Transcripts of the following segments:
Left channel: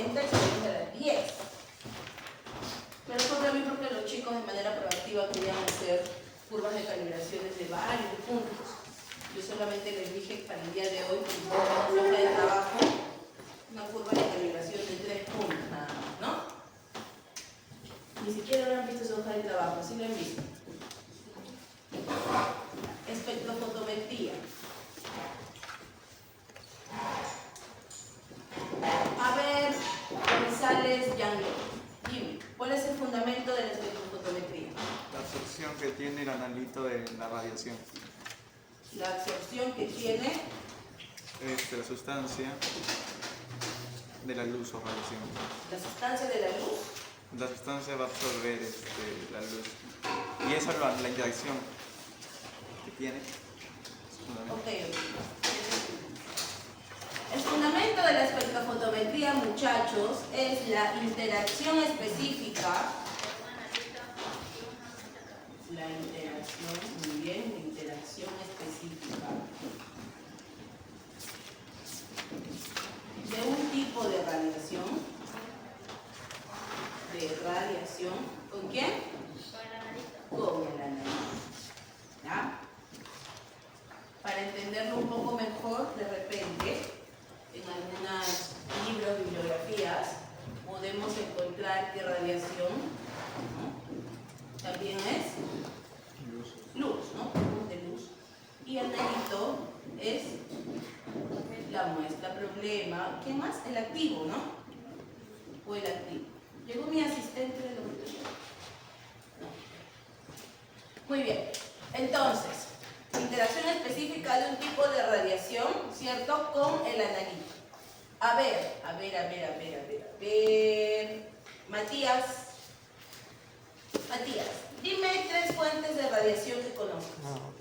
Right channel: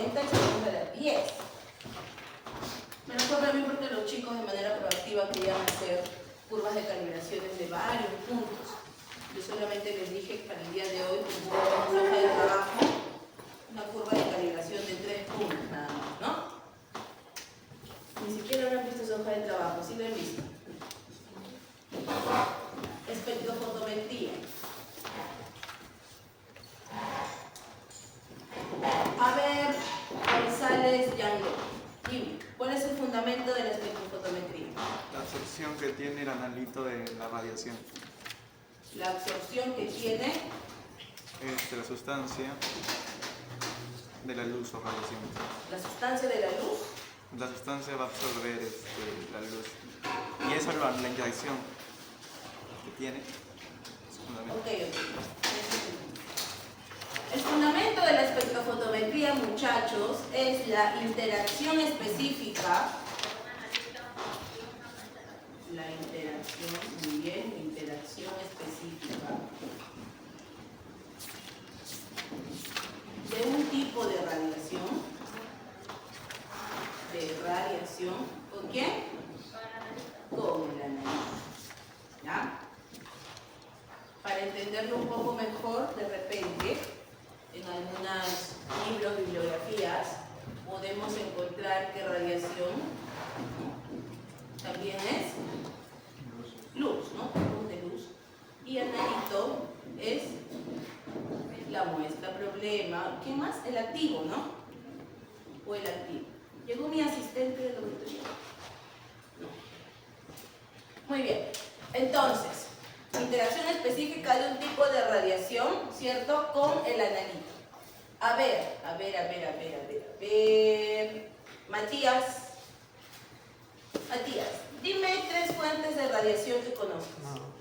40 y subimos a las 10. Me recuerdo a mí porque los chicos de manera proactiva querían hacer curvas de calibraciones de varios puntos. Yo solamente les dije para el día de hoy, que una hoja de trabajo, una curva de calibración de 3 puntos nada más, ¿no? Ni siquiera han visto esa hoja de trabajo, ¿sí lo han visto? Espectrofotometría. A ver, González Yango, dime, ¿cuál es el fundamento de la espectrofotometría? La absorción que tiene el analito de la radiación. La absorción que tiene La sustancia de la luz o radiación. la sustancia de la luz. La sustancia va a absorber la luz. Y esa es la interacción que tiene. Ok. El fundamento de la espectrofotometría, muchachos, es la interacción específica. La interacción, muy bien, interacción específica de un tipo de radiación. ¿Con quién? Con el analito. ¿Ya? Para entenderlo un poco mejor, de repente, en algunos libros, bibliografías, podemos encontrar que radiación, ¿no?, también es luz, ¿no? Tipos de luz. Y analito es la muestra, problema. ¿Qué más? El activo, ¿no? O el activo. ¿Llegó mi asistente del laboratorio? No. Muy bien. Entonces, interacción específica de un tipo de radiación, ¿cierto?, con el analito. A ver. Matías, dime 3 fuentes de radiación que conozcas.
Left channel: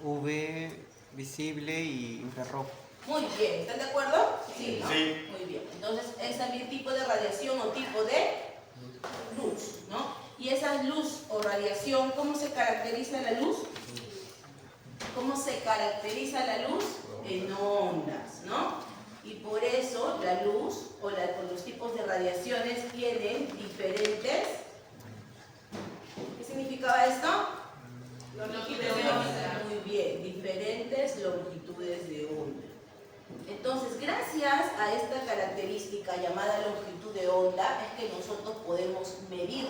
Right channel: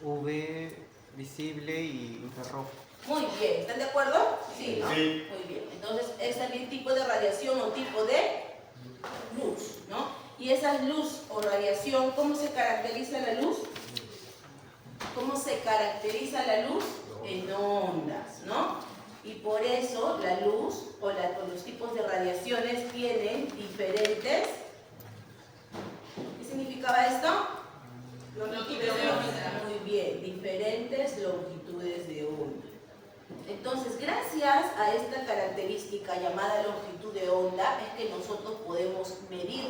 UV, visible y infrarrojo. Muy bien, ¿están de acuerdo? Sí, ¿no? Sí. Muy bien. Entonces, es también tipo de radiación o tipo de luz, ¿no? Y esa luz o radiación, ¿cómo se caracteriza la luz? ¿Cómo se caracteriza la luz? En ondas, ¿no? Y por eso la luz o los tipos de radiaciones tienen diferentes. ¿Qué significaba esto? Longitudes de onda. Muy bien, diferentes longitudes de onda. Entonces, gracias a esta característica llamada longitud de onda, es que nosotros podemos medir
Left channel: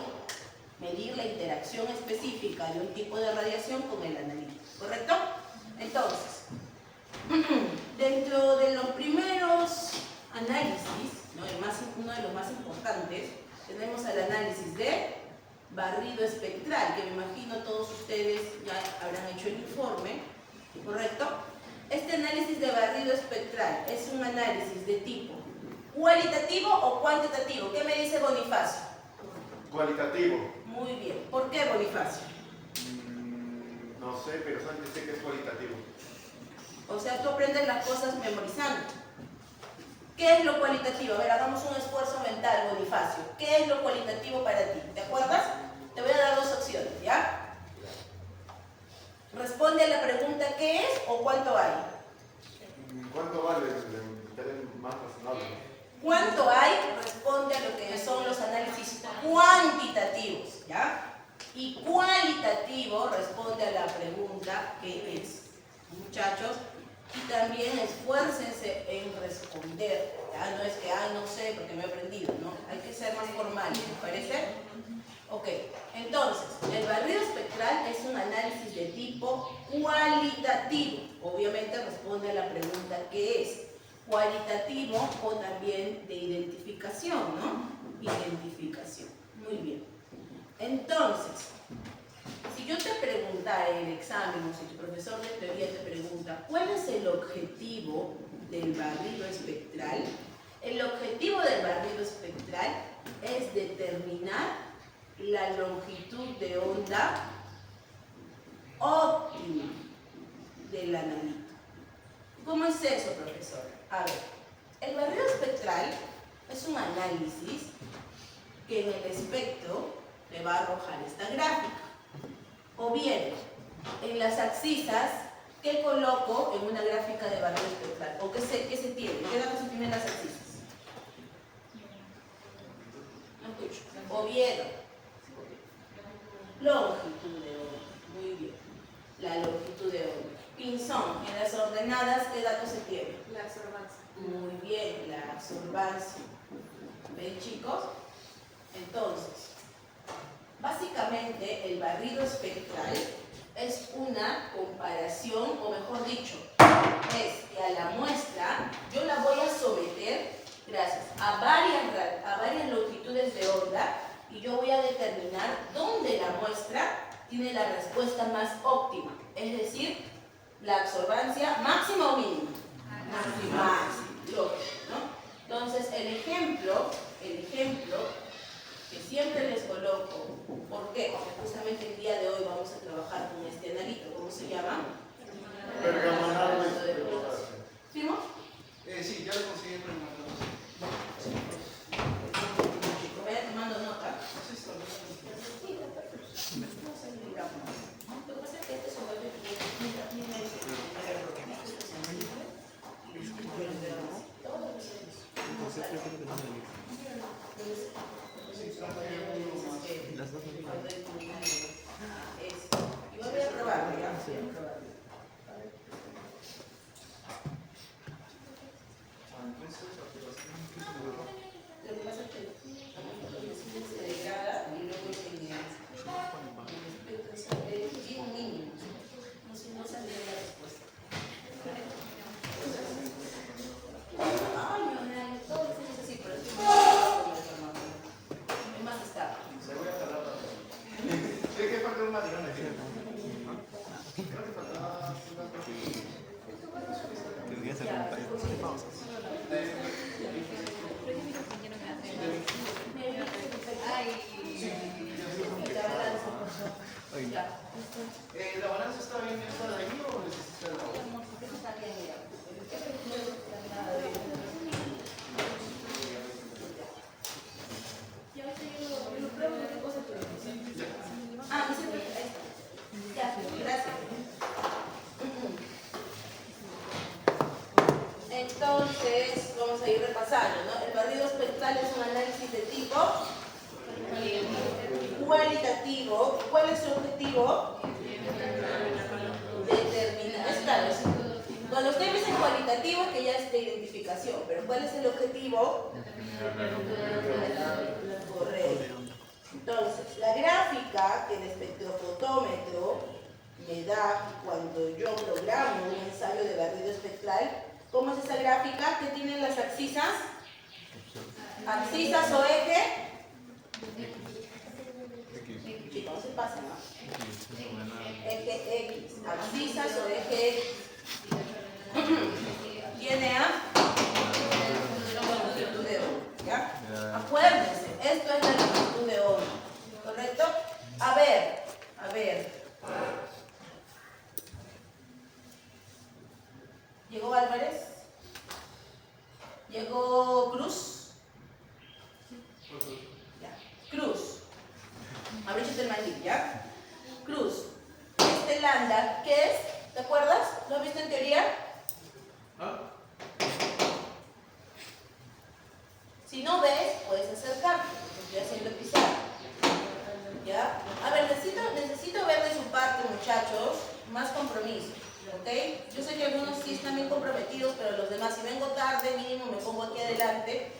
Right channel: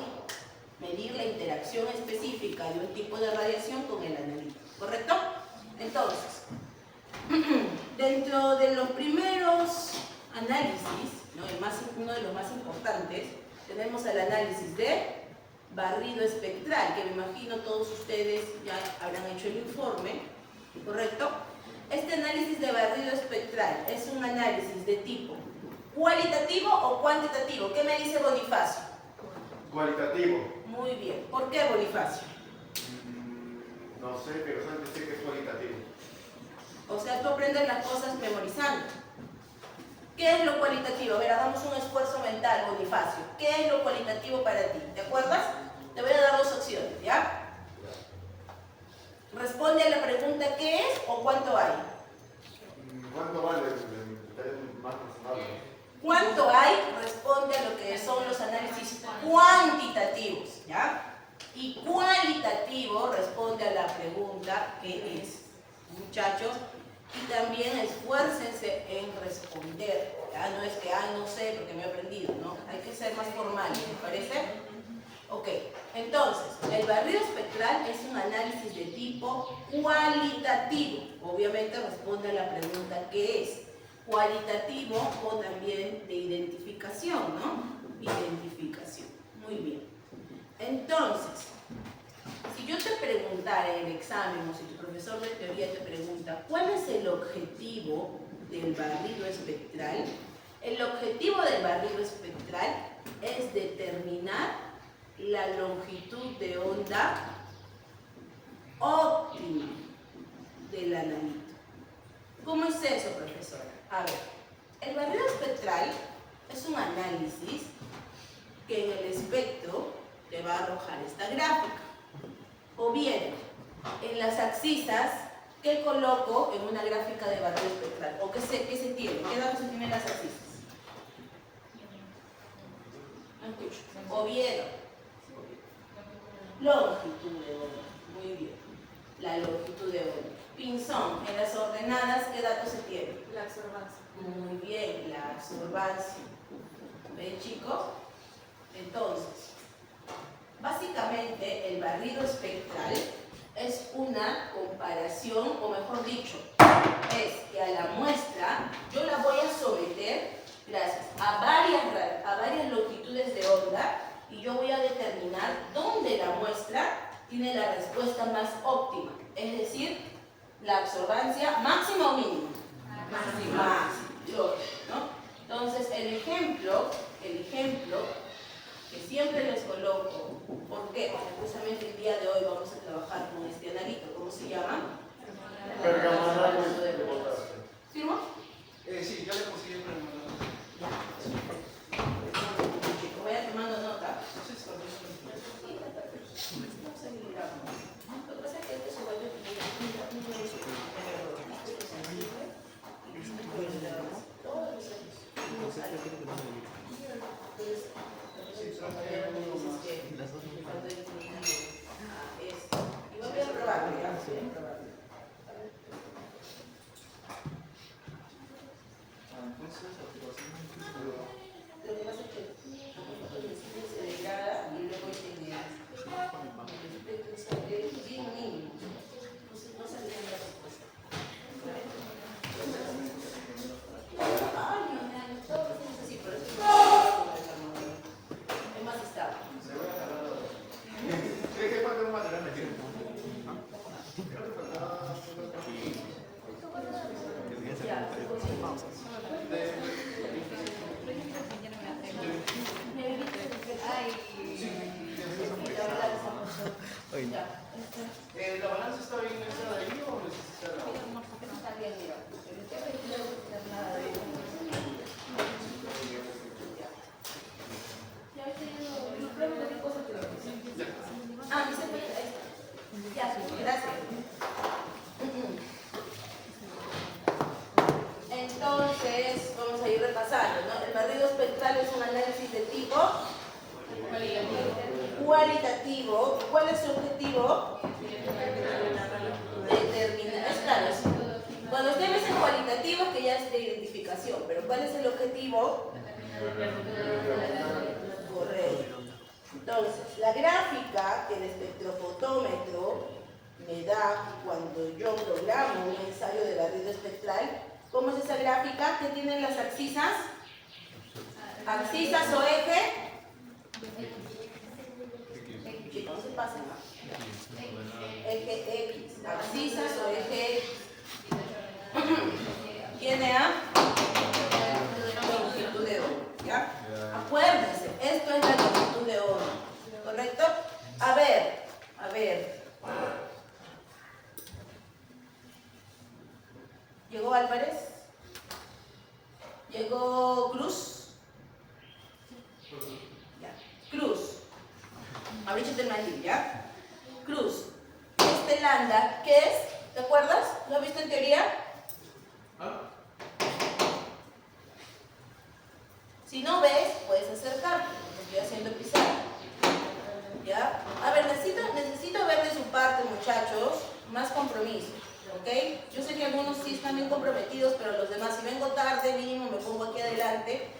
la interacción específica de un tipo de radiación con el analito, ¿correcto? Entonces, dentro de los primeros análisis, ¿no?, uno de los más importantes, tenemos el análisis de barrido espectral, que me imagino todos ustedes ya habrán hecho el informe, ¿correcto? Este análisis de barrido espectral es un análisis de tipo cualitativo o cuantitativo. ¿Qué me dice Bonifacio? Cualitativo. Muy bien. ¿Por qué, Bonifacio? No sé, pero solamente sé que es cualitativo. O sea, tú aprendes las cosas memorizando. ¿Qué es lo cualitativo? A ver, hagamos un esfuerzo mental, Bonifacio. ¿Qué es lo cualitativo para ti? ¿Te acuerdas? Te voy a dar 2 opciones, ¿ya? Responde a la pregunta ¿qué es o cuánto hay? ¿Cuánto vale el teléfono más razonable? ¿Cuánto hay? Responde a lo que son los análisis cuantitativos, ¿ya? Y cualitativo responde a la pregunta ¿qué es? Muchachos, y también esfuércense en responder, ¿ya? No es que, no sé porque me he aprendido, ¿no? Hay que ser más formal, ¿les parece? Ok, entonces, el barrido espectral es un análisis de tipo cualitativo. Obviamente responde a la pregunta ¿qué es? Cualitativo o también de identificación, ¿no? Identificación. Muy bien. Entonces, si yo te preguntara en el examen o si tu profesor de teoría te pregunta ¿cuál es el objetivo del barrido espectral? El objetivo del barrido espectral es determinar la longitud de onda óptima del analito. ¿Cómo es eso, profesora? A ver, el barrido espectral es un análisis que en el espectro le va a arrojar esta gráfica. O bien, en las abscisas que coloco en una gráfica de barrido espectral. ¿O qué se tiene? ¿Qué datos se tienen en las abscisas? No escucho. Oviedo. Longitud de onda. Muy bien. La longitud de onda. Pinzón. En las ordenadas, ¿qué datos se tiene? La absorbancia. Muy bien, la absorbancia. ¿Ven, chicos? Entonces, básicamente el barrido espectral es una comparación, o mejor dicho, es que a la muestra yo la voy a someter, gracias, a varias longitudes de onda y yo voy a determinar dónde la muestra tiene la respuesta más óptima, es decir, la absorbancia máxima o mínima. Máxima, lógico, ¿no? Entonces, el ejemplo que siempre les coloco, ¿por qué? Porque justamente el día de hoy vamos a trabajar con este analito, ¿cómo se llama? Permanganato de potasio. ¿Firmo? Sí, ya lo conseguí en permanganato. Chicos, vayan tomando nota. Sí, está bien. Sí, está perfecto. Vamos a mirar. Lo que pasa es que este se vuelve mira ese esto es sensible y todo lo que y voy a probar, ya. Lo que pasa es que se degrada y luego el espectro es bien mínimo. No saldría la respuesta. Ay, no, todo es así, por eso es más estable. Se voy a agarrar la... Creo que falta un material de tiempo. Creo que faltaba... ¿La balanza está bien esta de ahí o necesita la otra? Está bien, mira. Ah, dice perfecto. Ya, gracias. Entonces, vamos a ir repasando, ¿no? El barrido espectral es un análisis de tipo cualitativo. ¿Cuál es su objetivo? Determinar. Claro, cuando usted dice cualitativo, que ya es de identificación, pero ¿cuál es el objetivo? Correcto. Entonces, la gráfica que el espectrofotómetro me da cuando yo programo un ensayo de barrido espectral, ¿cómo es esa gráfica? ¿Qué tienen las abscisas? ¿Abscisas o eje? Chicos, no se pasen, ¿no? Eje X. ¿Abscisas o eje X? Tiene a longitud de onda, ¿ya? Acuérdense, esto es la longitud de onda, ¿correcto? A ver. ¿Llegó Álvarez? ¿Llegó Cruz? Ya. Cruz. Abríchate el mandil, ¿ya? Cruz. Este lambda, ¿qué es? ¿Te acuerdas? ¿Lo has visto en teoría? Si no ves, puedes acercarte. Estoy haciendo pizarra. ¿Ya? A ver, necesito ver de su parte, muchachos, más compromiso. ¿Ok? Yo sé que algunos sí están bien comprometidos, pero los demás, si vengo tarde, mínimo me pongo aquí adelante.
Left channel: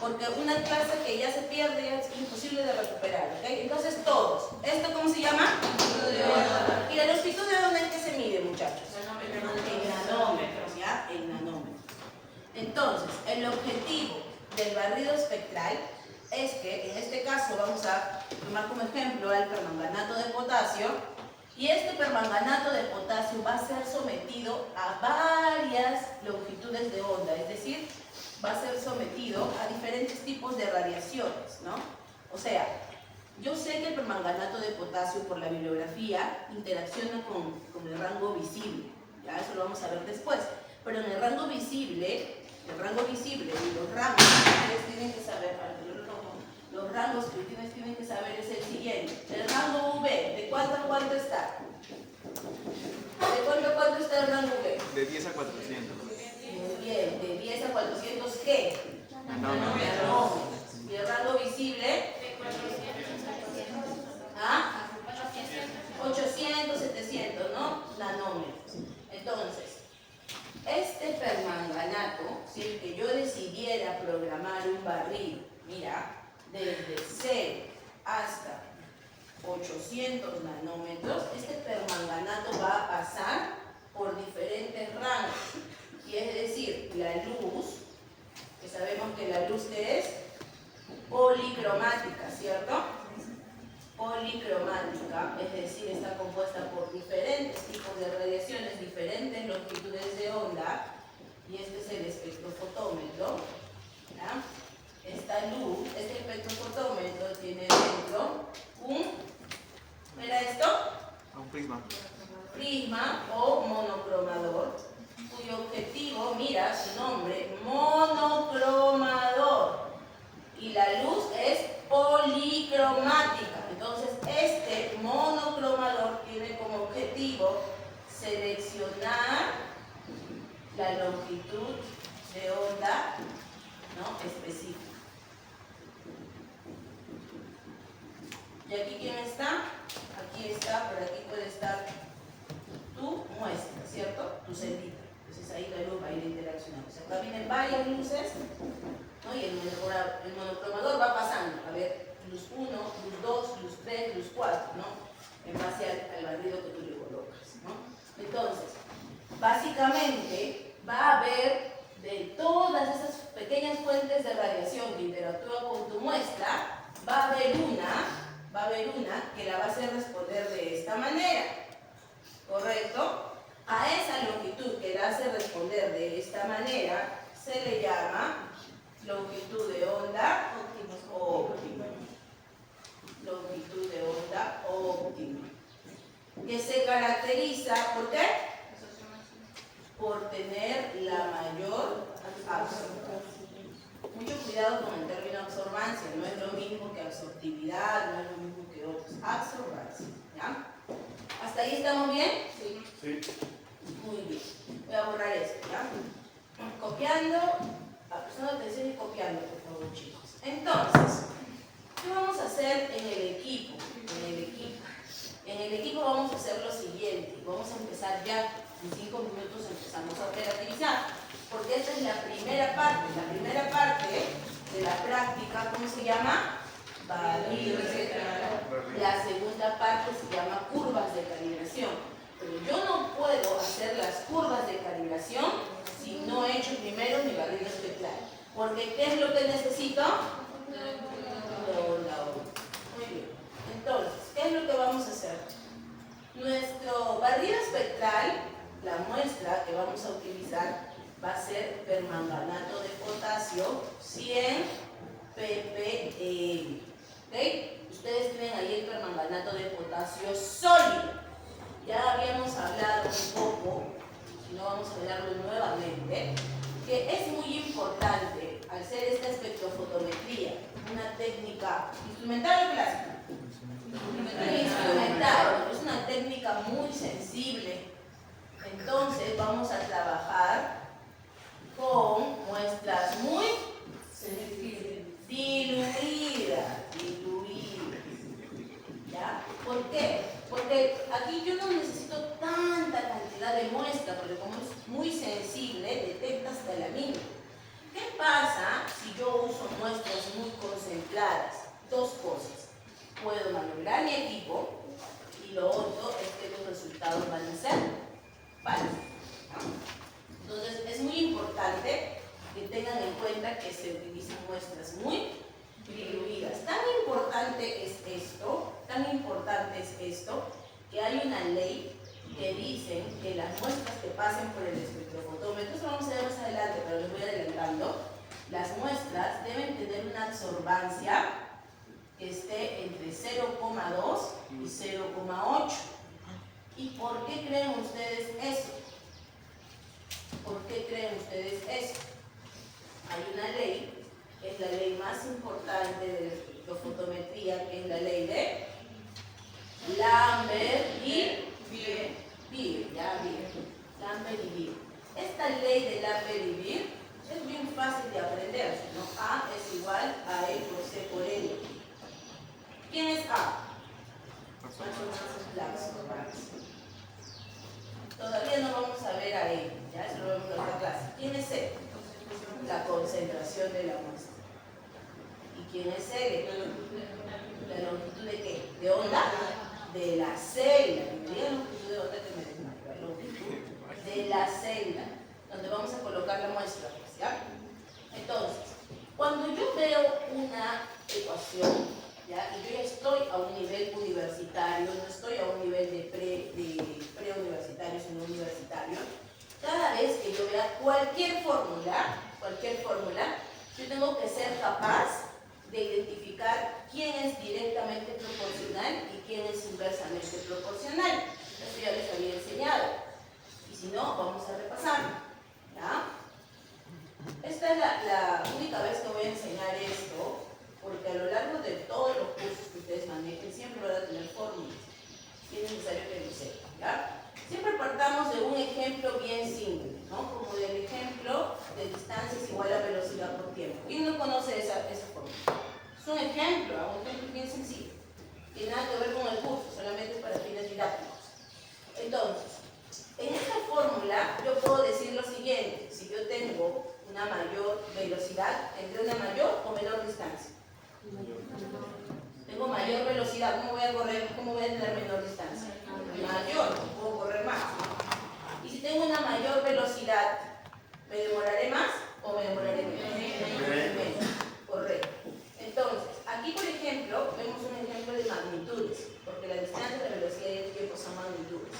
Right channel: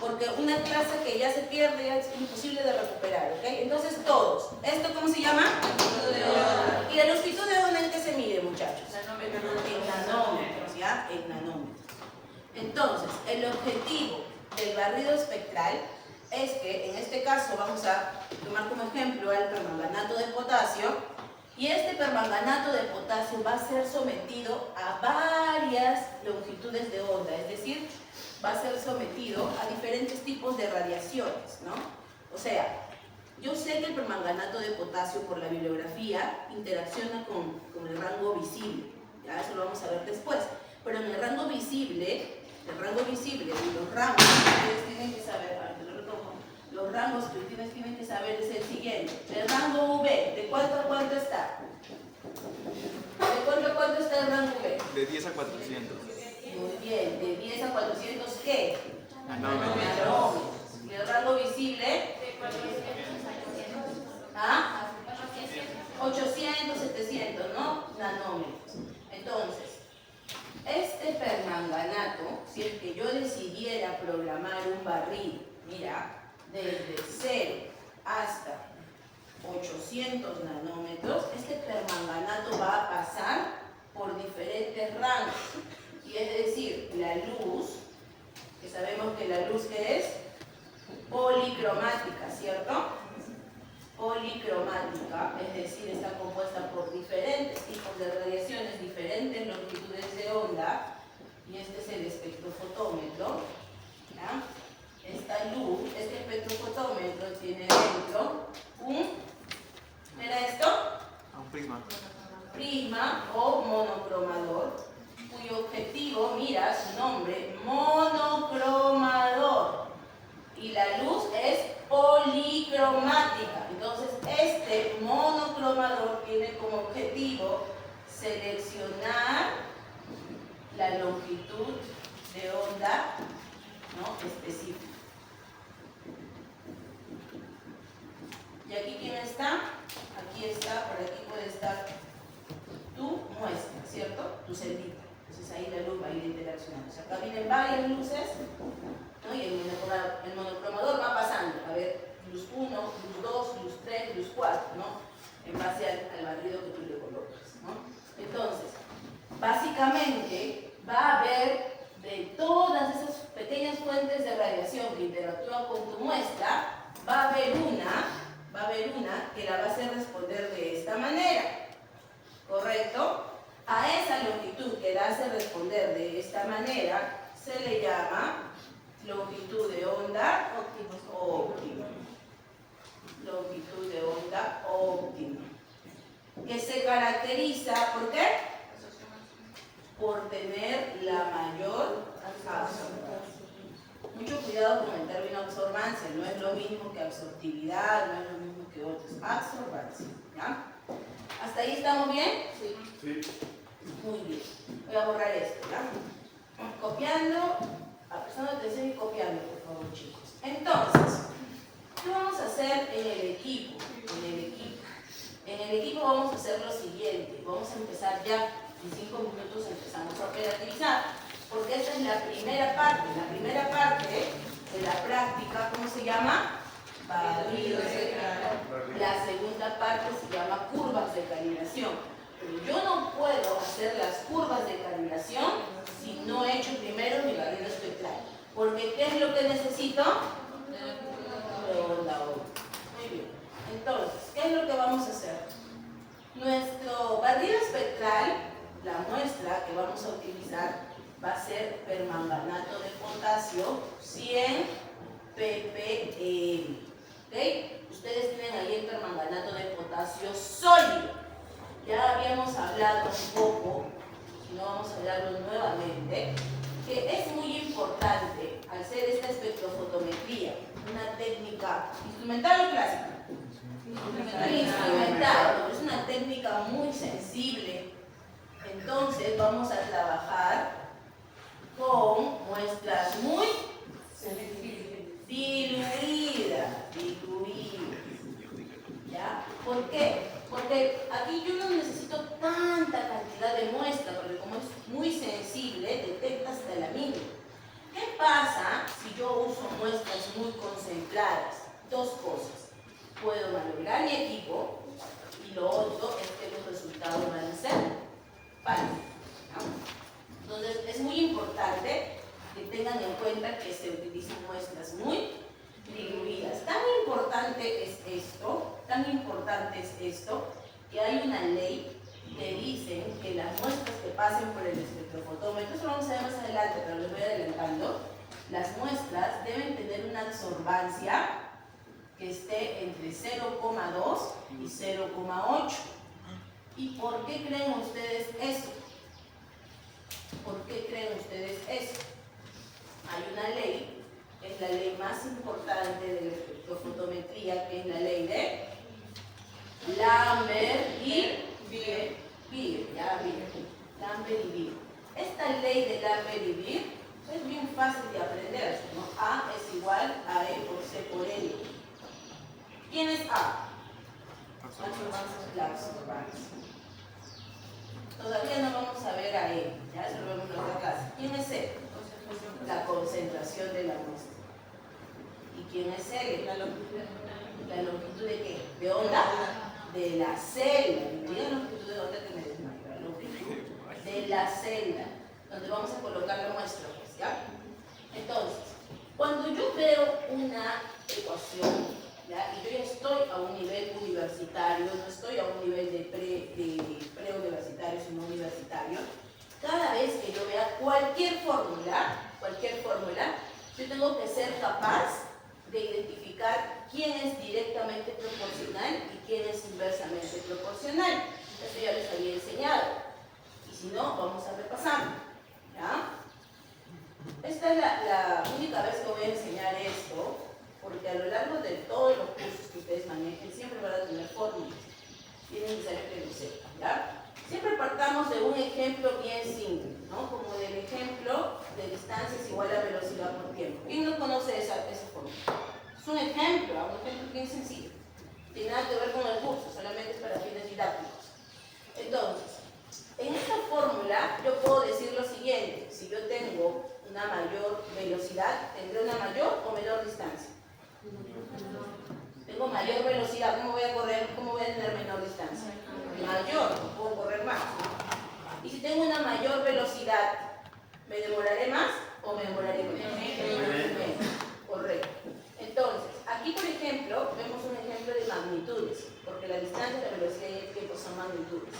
Porque una clase que ya se pierde ya es imposible de recuperar. ¿Ok? Entonces todos. ¿Esto cómo se llama? Longitud de onda. ¿Y la longitud de onda en qué se mide, muchachos? En nanómetros, ¿ya? En nanómetros. Entonces, el objetivo del barrido espectral es que en este caso vamos a tomar como ejemplo el permanganato de potasio y este permanganato de potasio va a ser sometido a varias longitudes de onda, es decir, va a ser sometido a diferentes tipos de radiaciones, ¿no? O sea, yo sé que el permanganato de potasio por la bibliografía interacciona con el rango visible, ya eso lo vamos a ver después, pero en el rango visible y los rangos que ustedes tienen que saber, para que lo retomo, los rangos que ustedes tienen que saber es el siguiente. El rango V, ¿de cuánto a cuánto está? ¿De cuánto a cuánto está el rango V? De 10 a 400. Muy bien, de 10 a 400, ¿qué? Nanómetros. Nanómetros. ¿Y el rango visible? un barrido, mira, desde 0 hasta 800 nanómetros, este permanganato va a pasar por diferentes rangos. Y es decir, la luz, que sabemos que la luz que es policromática, ¿cierto? Policromática, es decir, está compuesta por diferentes tipos de radiaciones, diferentes longitudes de onda, y este es el espectrofotómetro. ¿Ya? Esta luz, este espectrofotómetro tiene dentro un, ¿era esto? Un prisma. Prisma o monocromador, cuyo objetivo, mira su nombre, monocromador, y la luz es policromática. Entonces este monocromador tiene como objetivo seleccionar la longitud de onda, ¿no?, específica. ¿Y aquí quién está? Aquí está, por aquí puede estar tu muestra, ¿cierto? Tu celita. Entonces ahí la luz va a ir interaccionando. O sea, acá vienen varias luces, ¿no? Y el monocromador va pasando. A ver, luz 1, luz 2, luz 3, luz 4, ¿no? En base al barrido que tú le colocas, ¿no? Entonces, básicamente va a haber de todas esas pequeñas fuentes de radiación que interactúan con tu muestra, va a haber una que la va a hacer responder de esta manera, ¿correcto? A esa longitud que la hace responder de esta manera se le llama longitud de onda óptima. Longitud de onda óptima. Que se caracteriza, ¿por qué? Por tener la mayor absorbancia. Mucho cuidado con el término absorbancia, no es lo mismo que absortividad, no es lo mismo que otros. Absorbancia, ¿ya? ¿Hasta ahí estamos bien? Sí. Sí. Muy bien. Voy a borrar esto, ¿ya? Copiando, prestando atención y copiando, por favor, chicos. Entonces, ¿qué vamos a hacer en el equipo? En el equipo vamos a hacer lo siguiente. Vamos a empezar ya. En 5 minutos empezamos a operativizar. Porque esta es la primera parte. La primera parte de la práctica, ¿cómo se llama? Barrido espectral. La segunda parte se llama curvas de calibración. Pero yo no puedo hacer las curvas de calibración si no he hecho primero mi barrido espectral. Porque ¿qué es lo que necesito? Onda. Muy bien. Entonces, ¿qué es lo que vamos a hacer? Nuestro barrido espectral, la muestra que vamos a utilizar, va a ser permanganato de potasio 100 ppm. ¿Ok? Ustedes tienen ahí el permanganato de potasio sólido. Ya habíamos hablado un poco, si no vamos a hablarlo nuevamente, que es muy importante al hacer esta espectrofotometría, una técnica instrumental o clásica. Instrumental, es una técnica muy sensible. Entonces vamos a trabajar con muestras muy diluidas. ¿Ya? ¿Por qué? Porque aquí yo no necesito tanta cantidad de muestra, porque como es muy sensible, detecta hasta la mínima. ¿Qué pasa si yo uso muestras muy concentradas? Dos cosas. Puedo maniobrar mi equipo y lo otro es que los resultados van a ser falsos. Entonces es muy importante que tengan en cuenta que se utilizan muestras muy diluidas. Tan importante es esto, que hay una ley que dice que las muestras que pasen por el espectrofotómetro, eso lo vamos a ver más adelante, pero les voy adelantando, las muestras deben tener una absorbancia que esté entre 0,2 y 0,8. ¿Y por qué creen ustedes eso? ¿Por qué creen ustedes eso? Hay una ley, que es la ley más importante de la espectrofotometría, que es la ley de Lambert y Beer. Lambert y Beer. Esta ley de Lambert y Beer es bien fácil de aprender, ¿no? A es igual a E por C por L. ¿Quién es A? La absorbancia. Todavía no vamos a ver a E, ya eso lo vemos en otra clase. ¿Quién es C? La concentración de la muestra. Cele? ¿La longitud de qué? ¿De onda? De la celda. Me digan longitud de onda que me desmayo. La longitud de la celda, donde vamos a colocar la muestra, pues, ¿ya? Entonces, cuando yo veo una ecuación, ¿ya? Y yo ya estoy a un nivel universitario, no estoy a un nivel de preuniversitario, sino universitario, cada vez que yo vea cualquier fórmula, yo tengo que ser capaz de identificar quién es directamente proporcional y quién es inversamente proporcional. Eso ya les había enseñado. Y si no, vamos a repasar. ¿Ya? Esta es la única vez que voy a enseñar esto, porque a lo largo de todos los cursos que ustedes manejen, siempre van a tener fórmulas. Y es necesario que lo sepan. ¿Ya? Siempre partamos de un ejemplo bien simple, ¿no? Como del ejemplo de distancia es igual a velocidad por tiempo. ¿Quién no conoce esa fórmula? Es un ejemplo bien sencillo. Tiene nada que ver con el curso, solamente es para fines didácticos. Entonces, en esta fórmula yo puedo decir lo siguiente: si yo tengo una mayor velocidad, ¿tendré una mayor o menor distancia? Tengo mayor velocidad, ¿cómo voy a correr? ¿Cómo voy a tener menor distancia? Mayor, puedo correr más. Y si tengo una mayor velocidad, ¿me demoraré más o me demoraré menos? Correcto. Entonces, aquí por ejemplo, vemos un ejemplo de magnitudes, porque la distancia, la velocidad y el tiempo son magnitudes.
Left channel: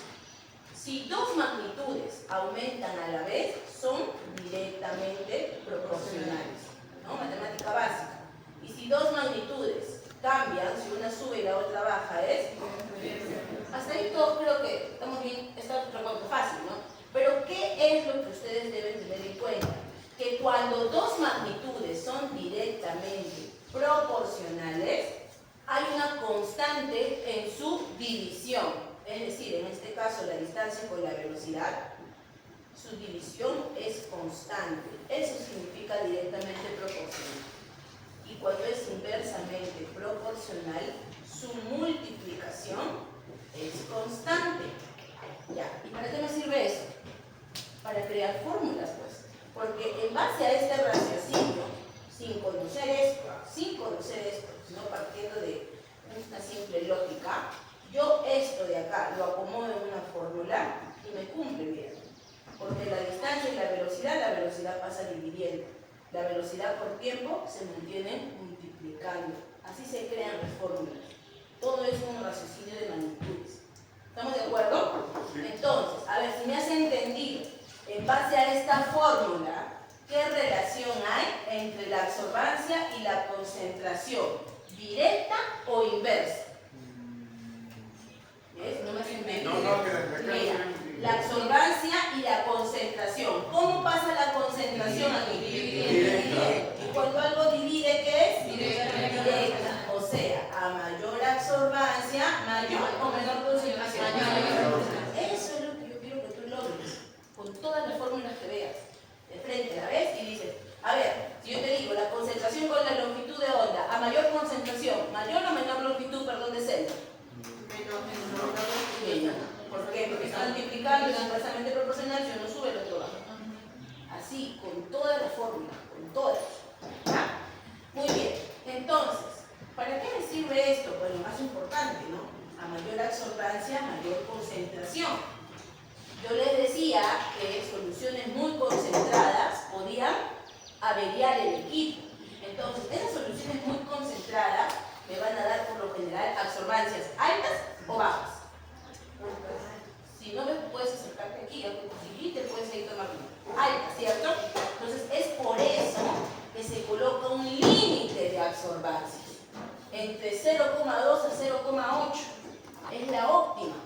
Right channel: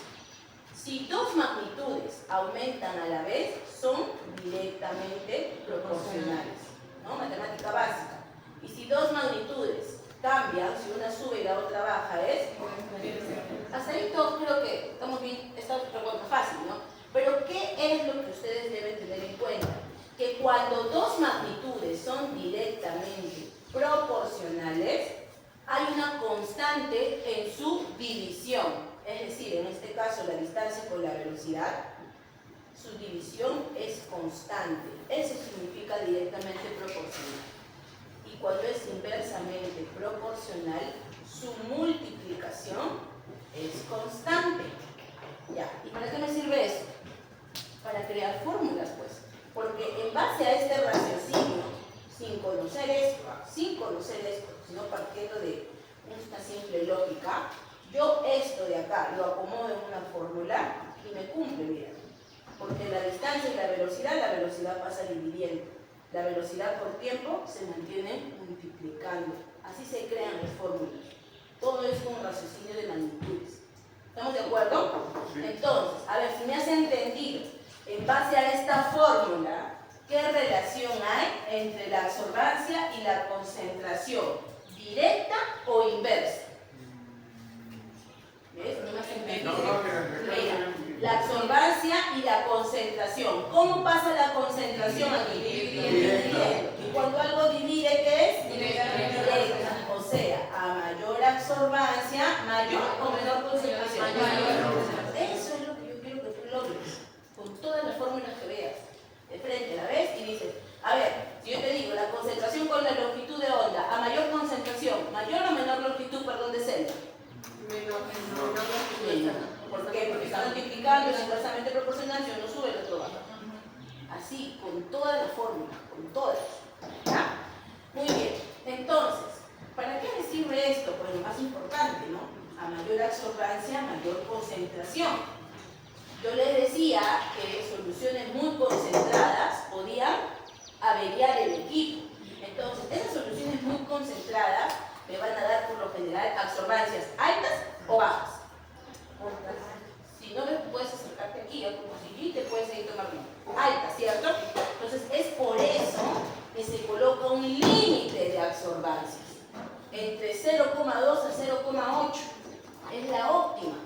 Si dos magnitudes aumentan a la vez, son directamente proporcionales, ¿no? Matemática básica. Y si dos magnitudes cambian, si una sube y la otra baja, es... Hasta ahí todo creo que estamos bien, está recuento fácil, ¿no? Pero ¿qué es lo que ustedes deben tener en cuenta? Que cuando dos magnitudes son directamente proporcionales, hay una constante en su división. Es decir, en este caso la distancia con la velocidad, su división es constante. Eso significa directamente proporcional. Y cuando es inversamente proporcional, su multiplicación es constante. Ya, ¿y para qué me sirve eso? Para crear fórmulas, pues. Porque en base a este raciocinio, sin conocer esto, sino partiendo de una simple lógica, yo esto de acá lo acomodo en una fórmula y me cumple bien. Porque la distancia y la velocidad pasa dividiendo. La velocidad por tiempo se mantiene multiplicando. Así se crean las fórmulas. Todo es un raciocinio de magnitudes. ¿Estamos de acuerdo? Entonces, a ver, si me has entendido, en base a esta fórmula, ¿qué relación hay entre la absorbancia y la concentración? ¿Directa o inversa? ¿Ves? ¿No me has entendido? Mira, la absorbancia y la concentración. ¿Cómo pasa la concentración aquí? Dividiendo. Y cuando algo divide, ¿qué es? Directa. O sea, a mayor absorbancia, mayor o menor concentración. Eso es lo que yo quiero que tú logres con todas las fórmulas que veas. De frente la ves y dices, a ver, si yo te digo la concentración con la longitud de onda, a mayor concentración, mayor o menor longitud, perdón, de celda. Menor. ¿Por qué? Porque está multiplicando, es inversamente proporcional, si uno sube, el otro baja. Así, con todas las fórmulas, con todas. ¿Ah? Muy bien. Entonces, ¿para qué me sirve esto? Pues lo más importante, ¿no? A mayor absorbancia, mayor concentración. Yo les decía que soluciones muy concentradas podían averiar el equipo. Entonces, esas soluciones muy concentradas me van a dar por lo general absorbancias altas o bajas. Si no me puedes acercarte aquí, como si te puedes seguir tomando alta, ¿cierto? Entonces, es por eso que se coloca un límite de absorbancias entre 0,2 a 0,8. Es la óptima.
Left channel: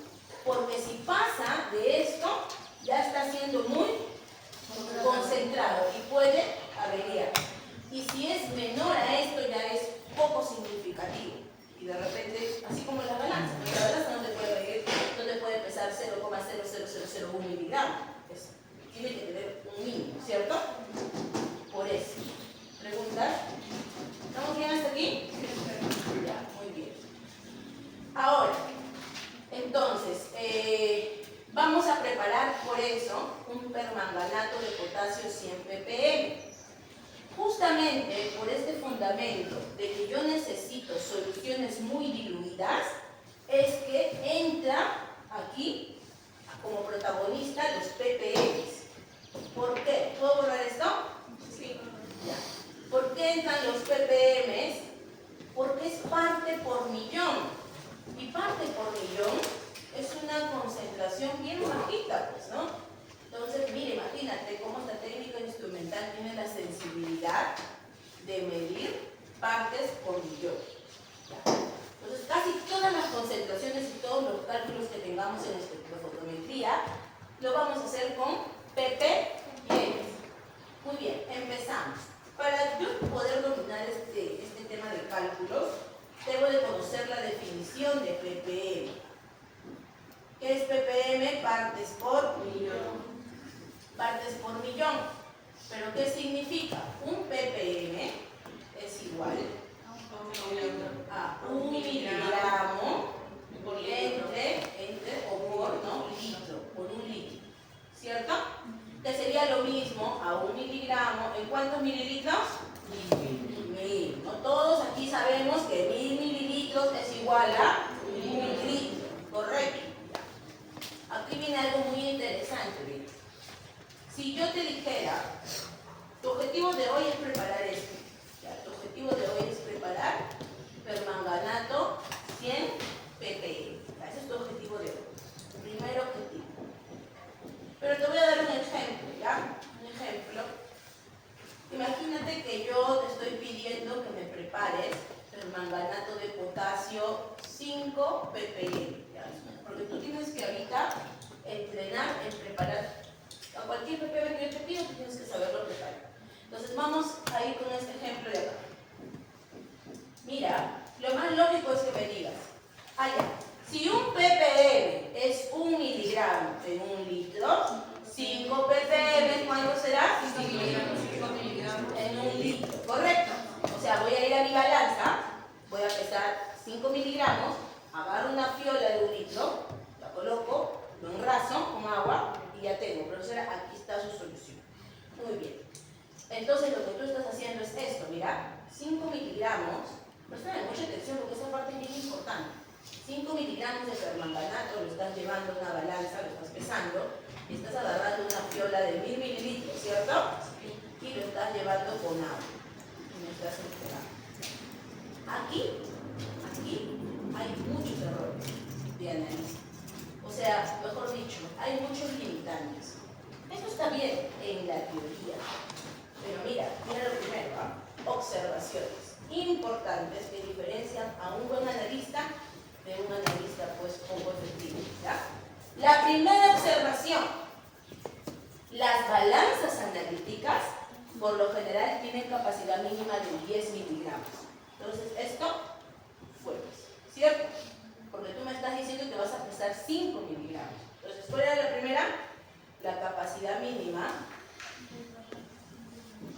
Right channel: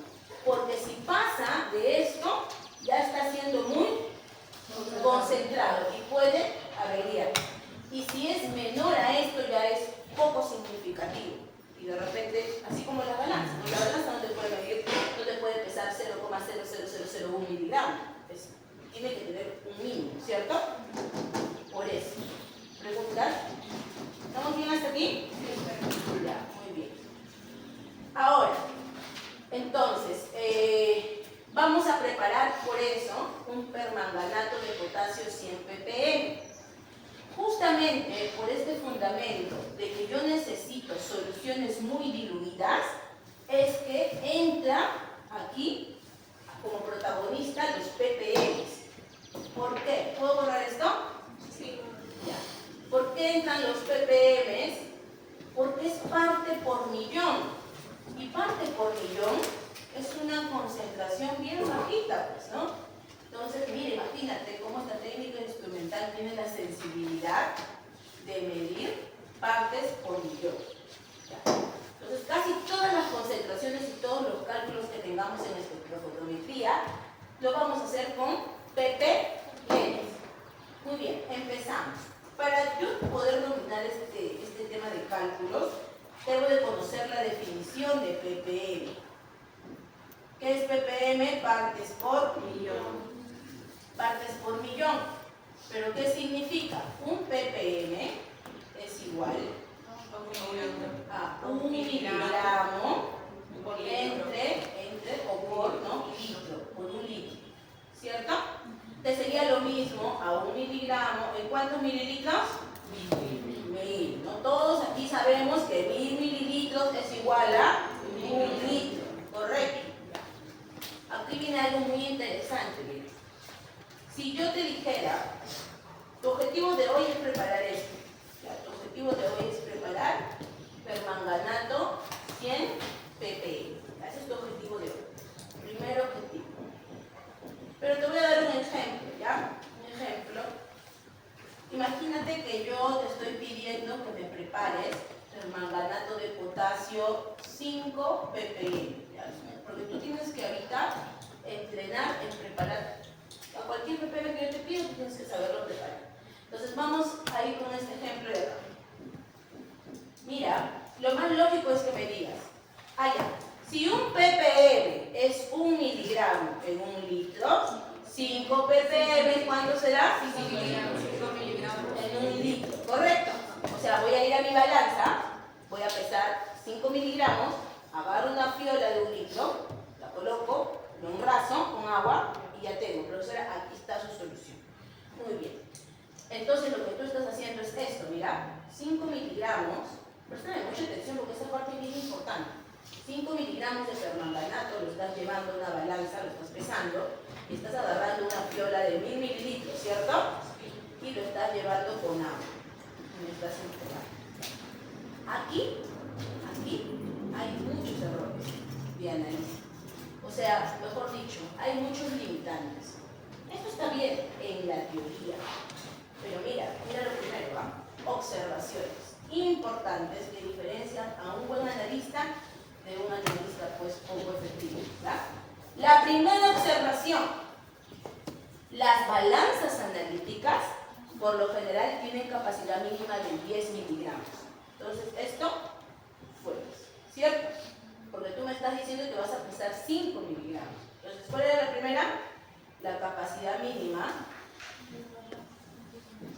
Porque si pasa de esto, ya está siendo muy concentrado y puede averiar. Y si es menor a esto, ya es poco significativo. Y de repente, así como la balanza no te puede medir, no te puede pesar 0,00001 miligramos. Tiene que tener un mínimo, ¿cierto? Por eso. ¿Preguntas? ¿Estamos bien hasta aquí? Ya, muy bien. Ahora, entonces, vamos a preparar por eso un permanganato de potasio 100 ppm. Justamente por este fundamento de que yo necesito necesito soluciones muy diluidas, es que entra aquí como protagonista los ppms. ¿Por qué? ¿Puedo borrar esto? Sí. Ya. ¿Por qué entran los ppms? Porque es parte por millón. Y parte por millón es una concentración bien bajita, pues, ¿no? Entonces, mire, imagínate cómo esta técnica instrumental tiene la sensibilidad de medir partes por millón. Ya. Entonces, casi todas las concentraciones y todos los cálculos que tengamos en espectrofotometría lo vamos a hacer con ppm. Muy bien, empezamos. Para yo poder dominar este tema de cálculos, debo de conocer la definición de ppm. ¿Qué es ppm? Partes por millón. Partes por millón. ¿Pero qué significa? Un ppm es igual a 1 miligramo entre o por, ¿no? Litro, por un litro. ¿Cierto? Que sería lo mismo a 1 miligramo. ¿En cuántos mililitros? 1000. ¿No? Todos aquí sabemos que 1000 mililitros es igual a 1 litro. ¿Correcto? Aquí viene algo muy interesante, ¿ves? Si yo te dijera, tu objetivo de hoy es preparar esto. ¿Ya? Tu objetivo de hoy es preparar permanganato 100 ppm. Ese es tu objetivo de hoy. Primer objetivo. Pero te voy a dar un ejemplo, ¿ya? Un ejemplo. Imagínate que yo te estoy pidiendo que me prepares permanganato de potasio 5 ppm. ¿Ya? Porque tú tienes que ahorita entrenar en preparar. A cualquier ppm que yo te pido, tú tienes que saberlo preparar. Entonces vamos a ir con este ejemplo de acá. Mira, lo más lógico es que me digas, si un ppm es 1 miligramo en 1 litro, 5 ppm, ¿cuánto será? 5 miligramos. En 1 litro, ¿correcto? O sea, voy a ir a mi balanza, voy a pesar 5 miligramos, agarro una fiola de 1 litro, la coloco, lo enraso con agua y ya tengo. Profesora, aquí está su solución. Muy bien. Entonces lo que tú estás haciendo es esto, mira, 5 miligramos, presta mucha atención porque esta parte es bien importante. 5 miligramos de permanganato lo estás llevando a una balanza, lo estás pesando, y estás agarrando una fiola de 1000 mililitros, ¿cierto? Y lo estás llevando con agua. Y me estás entregando. Aquí hay muchos errores de análisis. O sea, mejor dicho, hay muchos limitantes. Esto está bien en la teoría. Pero mira lo primero, ¿eh? Observaciones importantes que diferencian a un buen analista de un analista pues poco efectivo. ¿Ya? La primera observación, las balanzas analíticas por lo general tienen capacidad mínima de 10 miligramos. Entonces esto fue, ¿cierto? Porque tú me estás diciendo que vas a pesar 5 miligramos. Entonces, ¿cuál era la primera? La capacidad mínima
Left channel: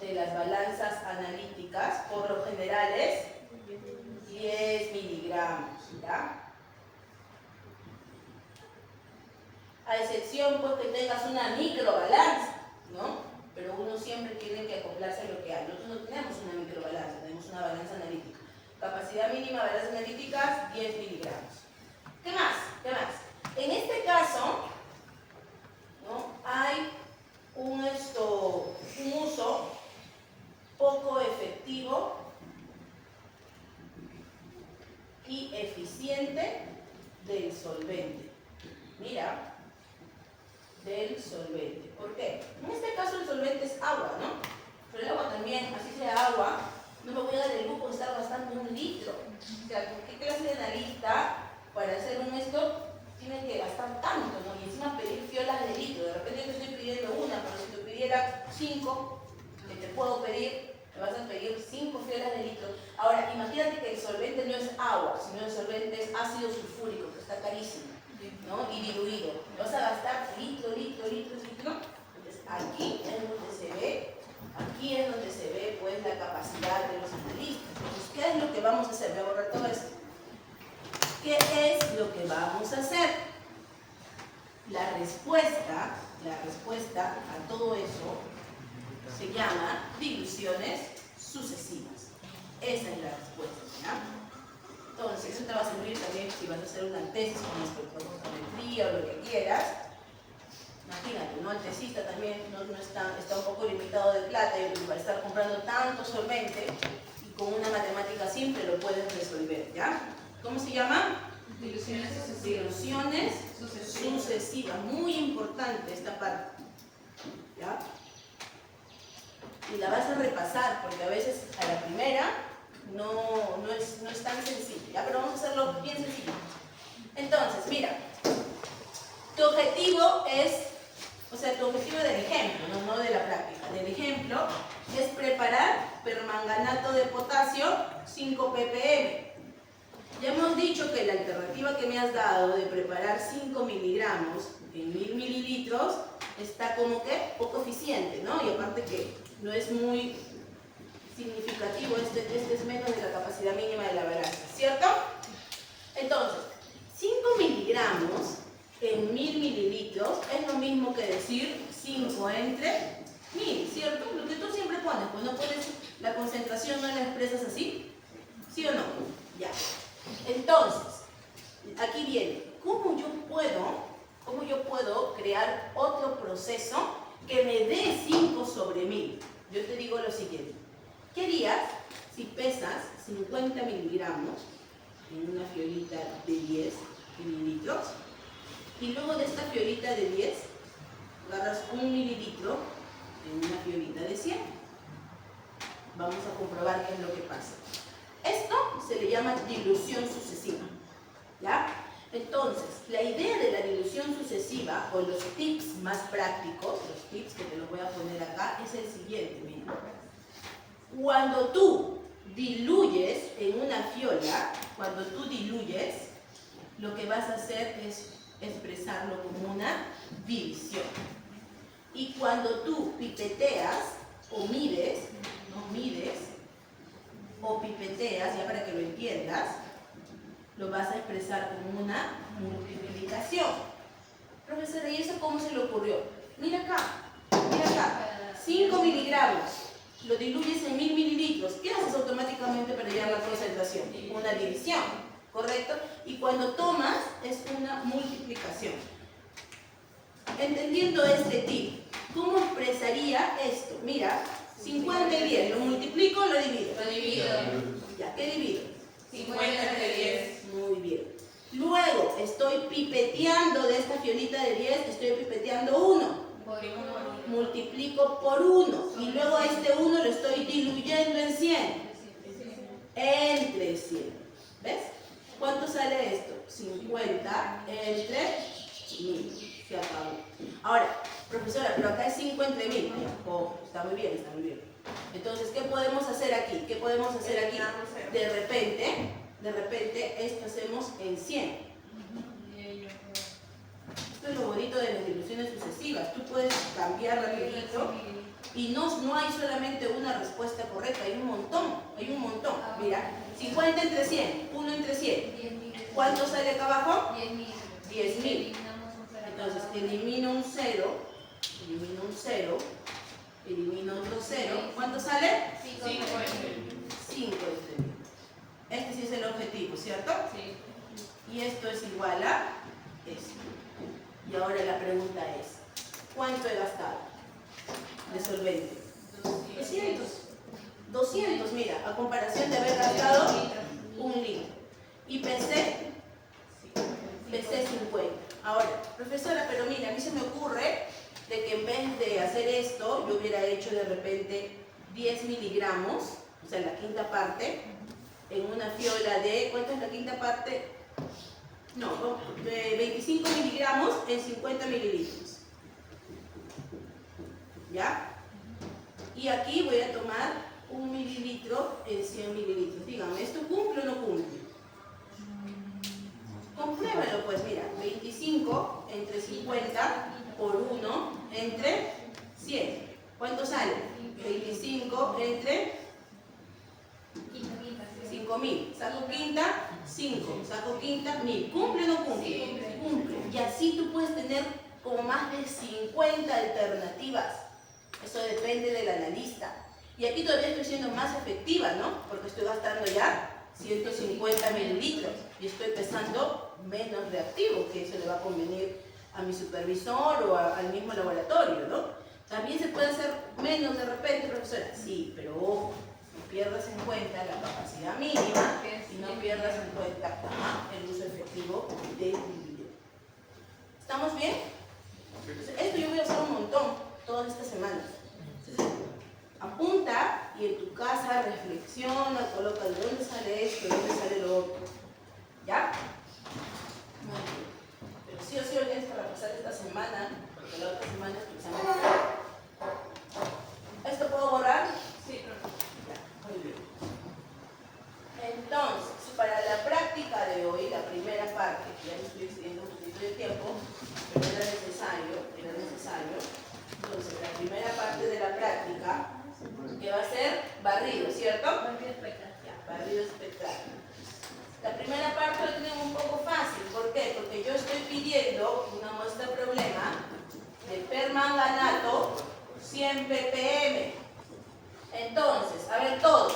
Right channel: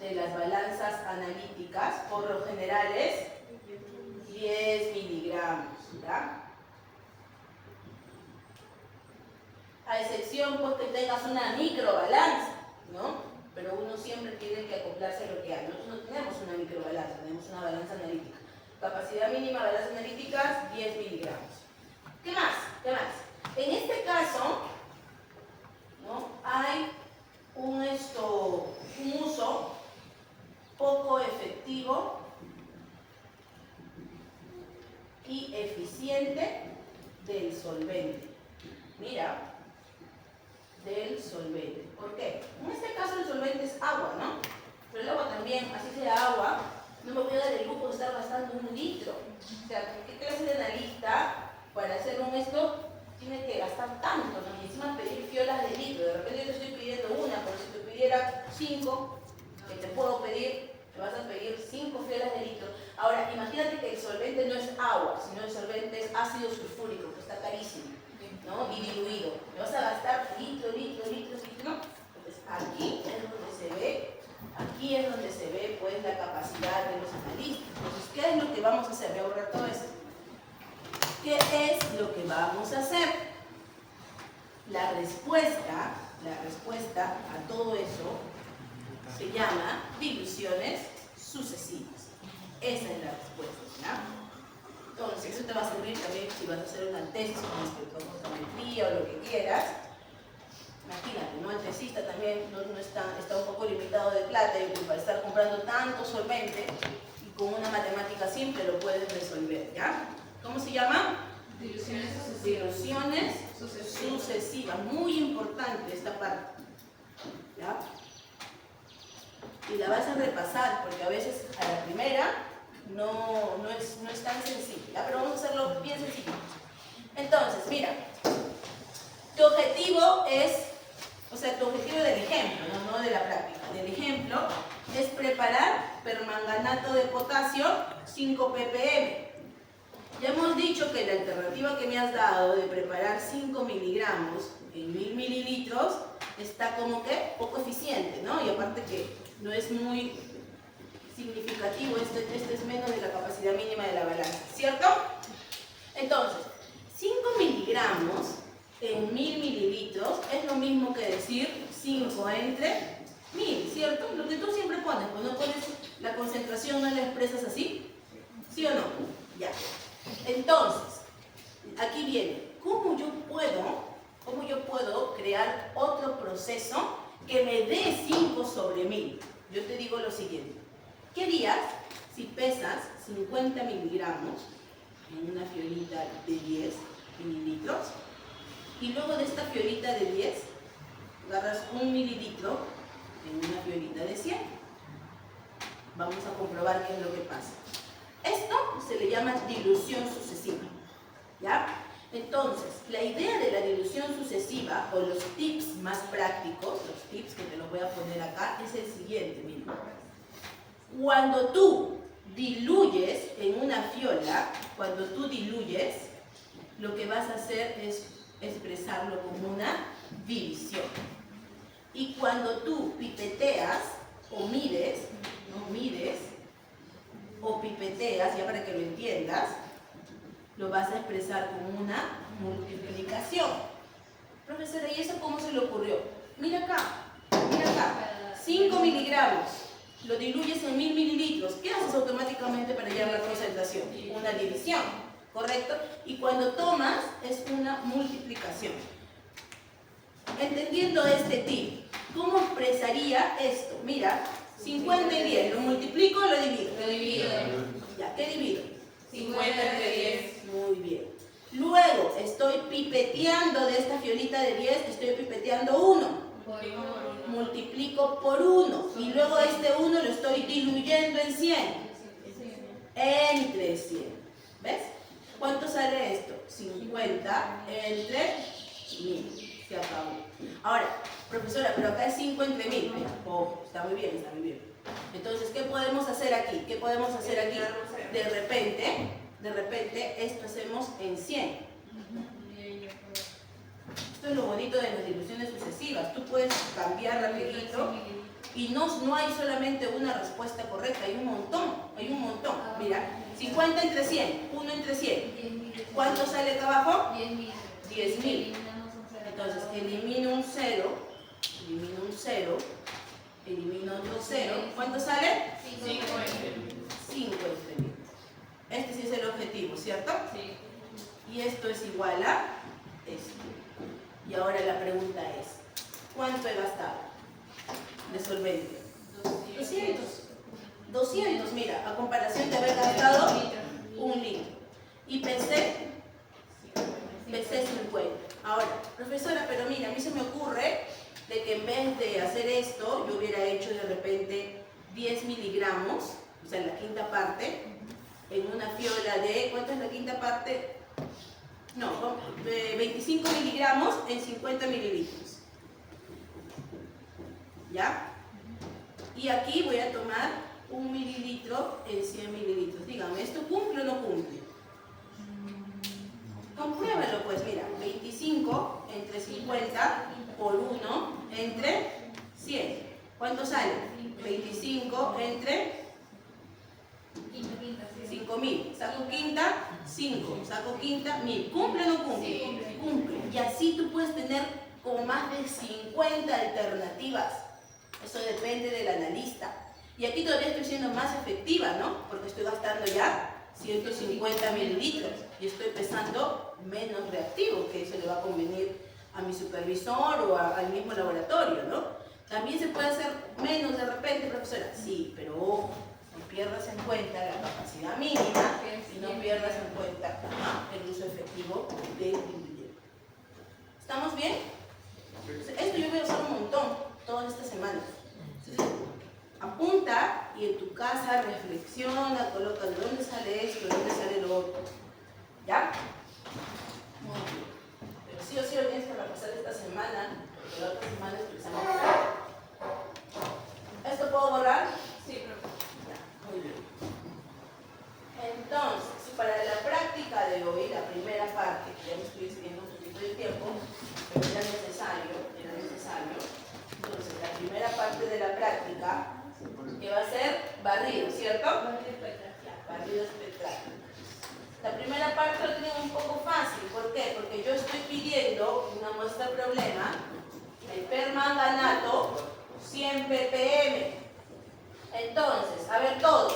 de las balanzas analíticas, por lo general es 10 miligramos, ¿ya? A excepción pues que tengas una microbalanza, ¿no? Pero uno siempre tiene que acoplarse a lo que hay. Nosotros no tenemos una microbalanza, tenemos una balanza analítica. Capacidad mínima de balanzas analíticas, 10 miligramos. ¿Qué más? ¿Qué más? En este caso, ¿no? Hay un uso poco efectivo y eficiente del solvente. Mira, del solvente. ¿Por qué? En este caso el solvente es agua, ¿no? Pero el agua también, así sea agua, no me voy a dar el lujo de estar gastando 1 litro. O sea, ¿qué clase de analista para hacer esto tiene que gastar tanto, ¿no? Y encima pedir fiolas de litro? De repente yo te estoy pidiendo una, pero si te pidiera 5, que te puedo pedir, me vas a pedir 5 fiolas de litro. Ahora, imagínate que el solvente no es agua, sino el solvente es ácido sulfúrico, que está carísimo, ¿no? Y diluido. Me vas a gastar litro. Entonces, aquí es donde se ve pues la capacidad de los analistas. Entonces, ¿qué es lo que vamos a hacer? Voy a borrar todo esto. ¿Qué es lo que vamos a hacer? La respuesta a todo eso se llama diluciones sucesivas. Esa es la respuesta, ¿ya? Entonces, eso te va a servir también si vas a hacer una tesis con espectrofotometría o lo que quieras. Imagínate, ¿no? El tesista también no está un poco limitado de plata y para estar comprando tanto solvente y con una matemática simple lo puedes resolver, ¿ya? ¿Cómo se llama? Diluciones sucesivas. Diluciones sucesivas. Muy importante esta parte, ¿ya? Y la vas a repasar porque a veces a la primera no es tan sencillo, ¿ya? Pero vamos a hacerlo bien sencillo. Entonces, mira, tu objetivo es, o sea, tu objetivo del ejemplo, no de la práctica, del ejemplo es preparar permanganato de potasio 5 ppm. Ya hemos dicho que la alternativa que me has dado de preparar 5 miligramos en 1000 mililitros está como que poco eficiente, ¿no? Y aparte que no es muy significativo, este es menos de la capacidad mínima de la balanza, ¿cierto? Entonces, 5 miligramos en 1000 mililitros es lo mismo que decir 5 entre 1000, ¿cierto? Lo que tú siempre pones, pues no pones la concentración, no la expresas así, ¿sí o no? Ya. Entonces, aquí viene, ¿cómo yo puedo crear otro proceso que me dé 5 sobre 1000? Yo te digo lo siguiente. ¿Qué harías si pesas 50 miligramos en una fiolita de 10 mililitros y luego de esta fiolita de 10 agarras 1 mililitro en una fiolita de 100? Vamos a comprobar qué es lo que pasa. Esto se le llama dilución sucesiva, ¿ya? Entonces, la idea de la dilución sucesiva, o los tips más prácticos, los tips que te los voy a poner acá, es el siguiente, mira. Cuando tú diluyes en una fiola, lo que vas a hacer es expresarlo como una división. Y cuando tú pipeteas o mides, o pipeteas, ya para que lo entiendas, lo vas a expresar como una multiplicación. Profesora, ¿y eso cómo se le ocurrió? Mira acá, 5 miligramos, lo diluyes en 1000 mililitros. ¿Qué haces automáticamente para hallar la concentración? Una división, ¿correcto? Y cuando tomas, es una multiplicación. Entendiendo este tip, ¿cómo expresaría esto? Mira, 50 y 10, ¿lo multiplico o lo divido? Lo divido. Ya, ¿qué divido? 50 entre 10. Muy bien. Luego, estoy pipeteando de esta fiolita de 10, estoy pipeteando 1. Multiplico por 1. Y luego este 1 lo estoy diluyendo en 100. Entre 100. ¿Ves? ¿Cuánto sale esto? 50 entre 1000. Se acabó. Ahora, profesora, pero acá es 5 entre 1000. Oh, está muy bien, está muy bien. Entonces, ¿qué podemos hacer aquí? De repente, esto hacemos en 100. Esto es lo bonito de las diluciones sucesivas. Tú puedes cambiar rapidito y no hay solamente una respuesta correcta, hay un montón. Mira, 50 entre 100, 1 entre 100. ¿Cuánto sale acá abajo? 10.000. Entonces, elimino un 0, elimino otro 0. ¿Cuánto sale? 5 entre 5 entre 1000. Este sí es el objetivo, ¿cierto? Sí. Y esto es igual a esto. Y ahora la pregunta es, ¿cuánto he gastado de solvente? 200, mira, a comparación de haber gastado 1 litro. Y pesé 50. Ahora, profesora, pero mira, a mí se me ocurre de que en vez de hacer esto, yo hubiera hecho de repente 10 miligramos, o sea, la quinta parte, en una fiola de, ¿cuánto es la quinta parte? No, 25 miligramos en 50 mililitros. ¿Ya? Y aquí voy a tomar 1 mililitro en 100 mililitros. Díganme, ¿esto cumple o no cumple? Compruébalo, pues, mira, 25 entre 50 por 1 entre 100. ¿Cuánto sale? 25 entre 5000. Saco quinta, 5. Saco quinta, 1000. ¿Cumple o no cumple? Sí. Cumple. Y así tú puedes tener como más de 50 alternativas. Eso depende del analista. Y aquí todavía estoy siendo más efectiva, ¿no? Porque estoy gastando ya 150 mililitros y estoy pesando menos reactivo, que eso le va a convenir a mi supervisor o al mismo laboratorio, ¿no? También se puede hacer menos de repente, profesora. Sí, pero ojo, no pierdas en cuenta la capacidad mínima y no pierdas en cuenta el uso efectivo del individuo. ¿Estamos bien? Esto yo voy a usar un montón todas estas semanas. Entonces, apunta y en tu casa reflexiona, coloca de dónde sale esto, de dónde sale lo otro. ¿Ya? Muy bien. Pero sí o sí lo tienes que repasar esta semana, porque la otra semana es tu examen. ¿Esto puedo borrar? Sí, profe. Ya, muy bien. Entonces, para la práctica de hoy, la primera parte, que ya me estoy excediendo un poquito de tiempo, pero era necesario. Entonces, la primera parte de la práctica, que va a ser barrido, ¿cierto? Ya, barrido espectral. La primera parte lo tienen un poco fácil. ¿Por qué? Porque yo estoy pidiendo una muestra problema de permanganato 100 ppm. Entonces, a ver todos.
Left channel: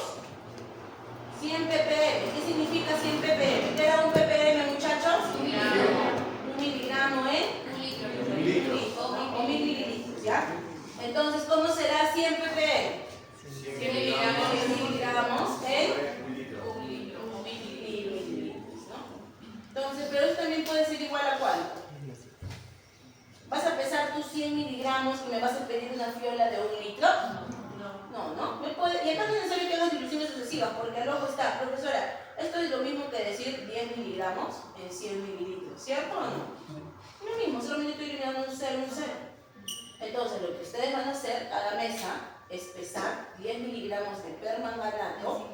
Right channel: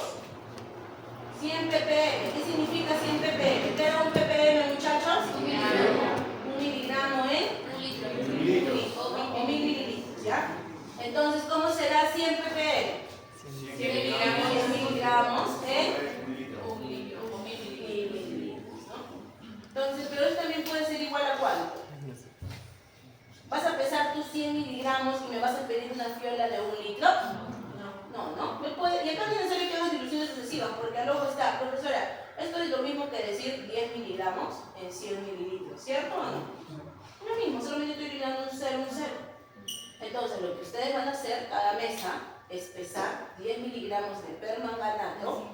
100 ppm. ¿Qué significa 100 ppm? ¿Qué era un ppm, muchachos? Un miligramo en Un litro. o 1000 mililitros, ¿ya? Entonces, ¿cómo será 100 ppm? 100 miligramos. 100 miligramos en Un litro. O 1000 1000 mililitros. mililitros, ¿no? Entonces, pero esto también puede ser igual a cuánto. ¿Vas a pesar tus 100 miligramos y me vas a pedir una fiola de 1 litro? No. Y acá no es necesario que hagas diluciones sucesivas, porque al ojo está, profesora, esto es lo mismo que decir 10 miligramos en 100 mililitros, ¿cierto o no? Lo mismo, solamente estoy eliminando un 0, un 0. Entonces, lo que ustedes van a hacer a la mesa es pesar 10 miligramos de permanganato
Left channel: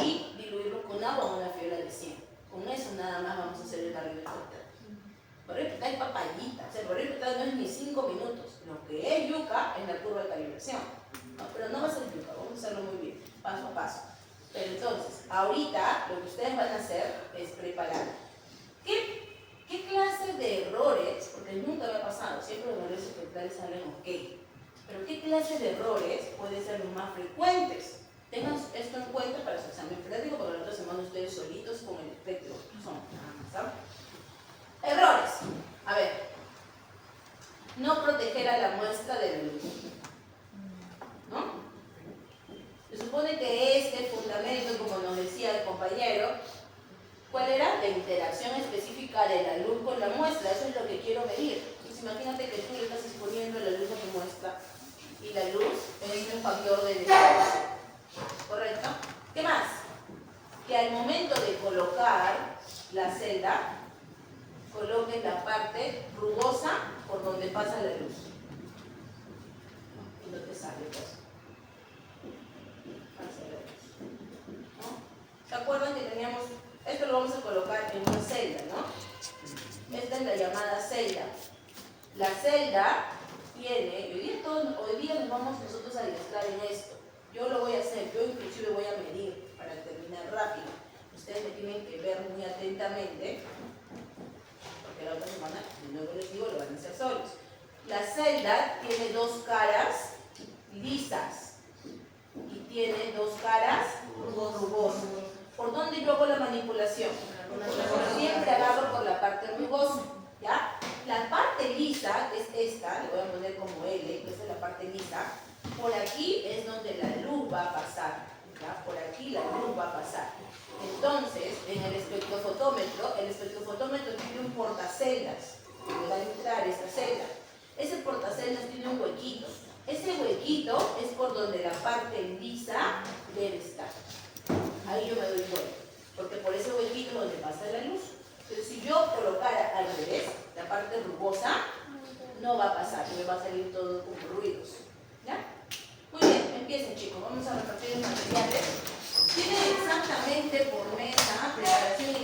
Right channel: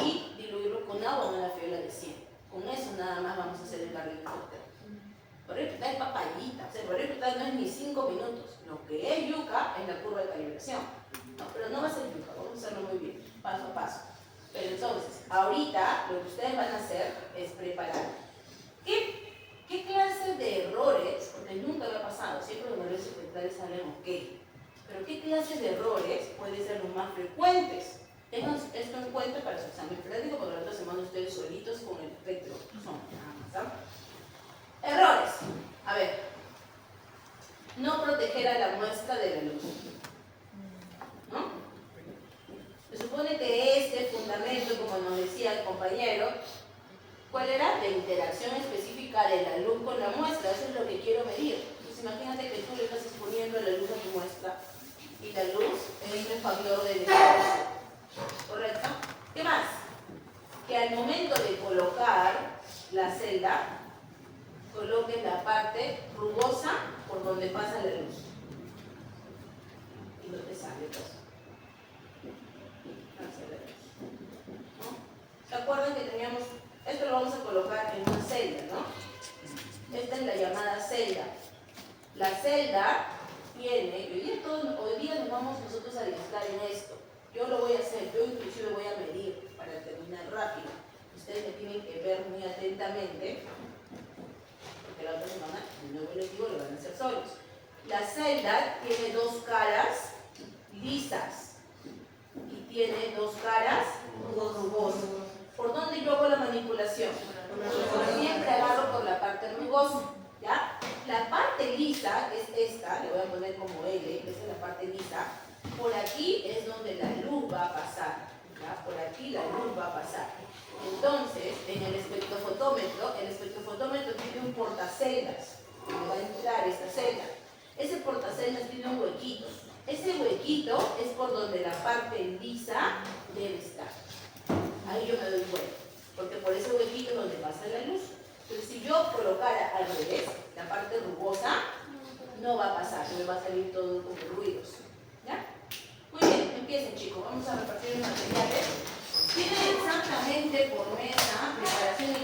y diluirlo con agua en una fiola de 100. Con eso nada más vamos a hacer el barrido espectral. Barrido espectral es papayita, o sea, el barrido espectral no es ni 5 minutos. Lo que es yuca es la curva de calibración. No, pero no va a ser yuca, vamos a hacerlo muy bien, paso a paso. Pero entonces, ahorita lo que ustedes van a hacer es preparar. ¿Qué clase de errores? Porque nunca me ha pasado, siempre los barridos espectrales salen ok. Pero ¿qué clase de errores pueden ser los más frecuentes? Tengan esto en cuenta para su examen práctico, porque la otra semana ustedes solitos con el espectro son. ¿Sabes? Errores. A ver. No proteger a la muestra de la luz. ¿No? Se supone que este fundamento, como nos decía el compañero, ¿cuál era? La interacción específica de la luz con la muestra. Eso es lo que quiero medir. Entonces imagínate que tú le estás exponiendo la luz a tu muestra y la luz es un factor de diferencia. ¿Correcto? ¿Qué más? Que al momento de colocar la celda, coloques la parte rugosa por donde pasa la luz. Y no te sale pues. Hacia la luz. ¿No? ¿Se acuerdan que teníamos? Esto lo vamos a colocar en una celda, ¿no? Esta es la llamada celda. La celda tiene, hoy día nos vamos nosotros a adiestrar en esto. Yo lo voy a hacer, yo inclusive voy a medir para terminar rápido. Ustedes me tienen que ver muy atentamente, porque la otra semana, de nuevo les digo, lo van a hacer solos. La celda tiene dos caras lisas y tiene dos caras rugosas. ¿Por dónde yo hago la manipulación? Siempre agarro por la parte rugosa, ¿ya? La parte lisa, que es esta, le voy a poner como L, que esta es la parte lisa, por aquí es donde la luz va a pasar, ¿ya? Por aquí la luz va a pasar. Entonces, en el espectrofotómetro tiene un portaceldas, que le va a entrar esta celda. Ese portaceldas tiene un huequito. Ese huequito es por donde la parte lisa debe estar. Ahí yo me doy cuenta, porque por ese huequito es donde pasa la luz. Entonces, si yo colocara al revés, la parte rugosa, no va a pasar, me va a salir todo como ruidos. ¿Ya? Muy bien, empiecen chicos, vamos a repartir los materiales. Tienen exactamente por mesa preparación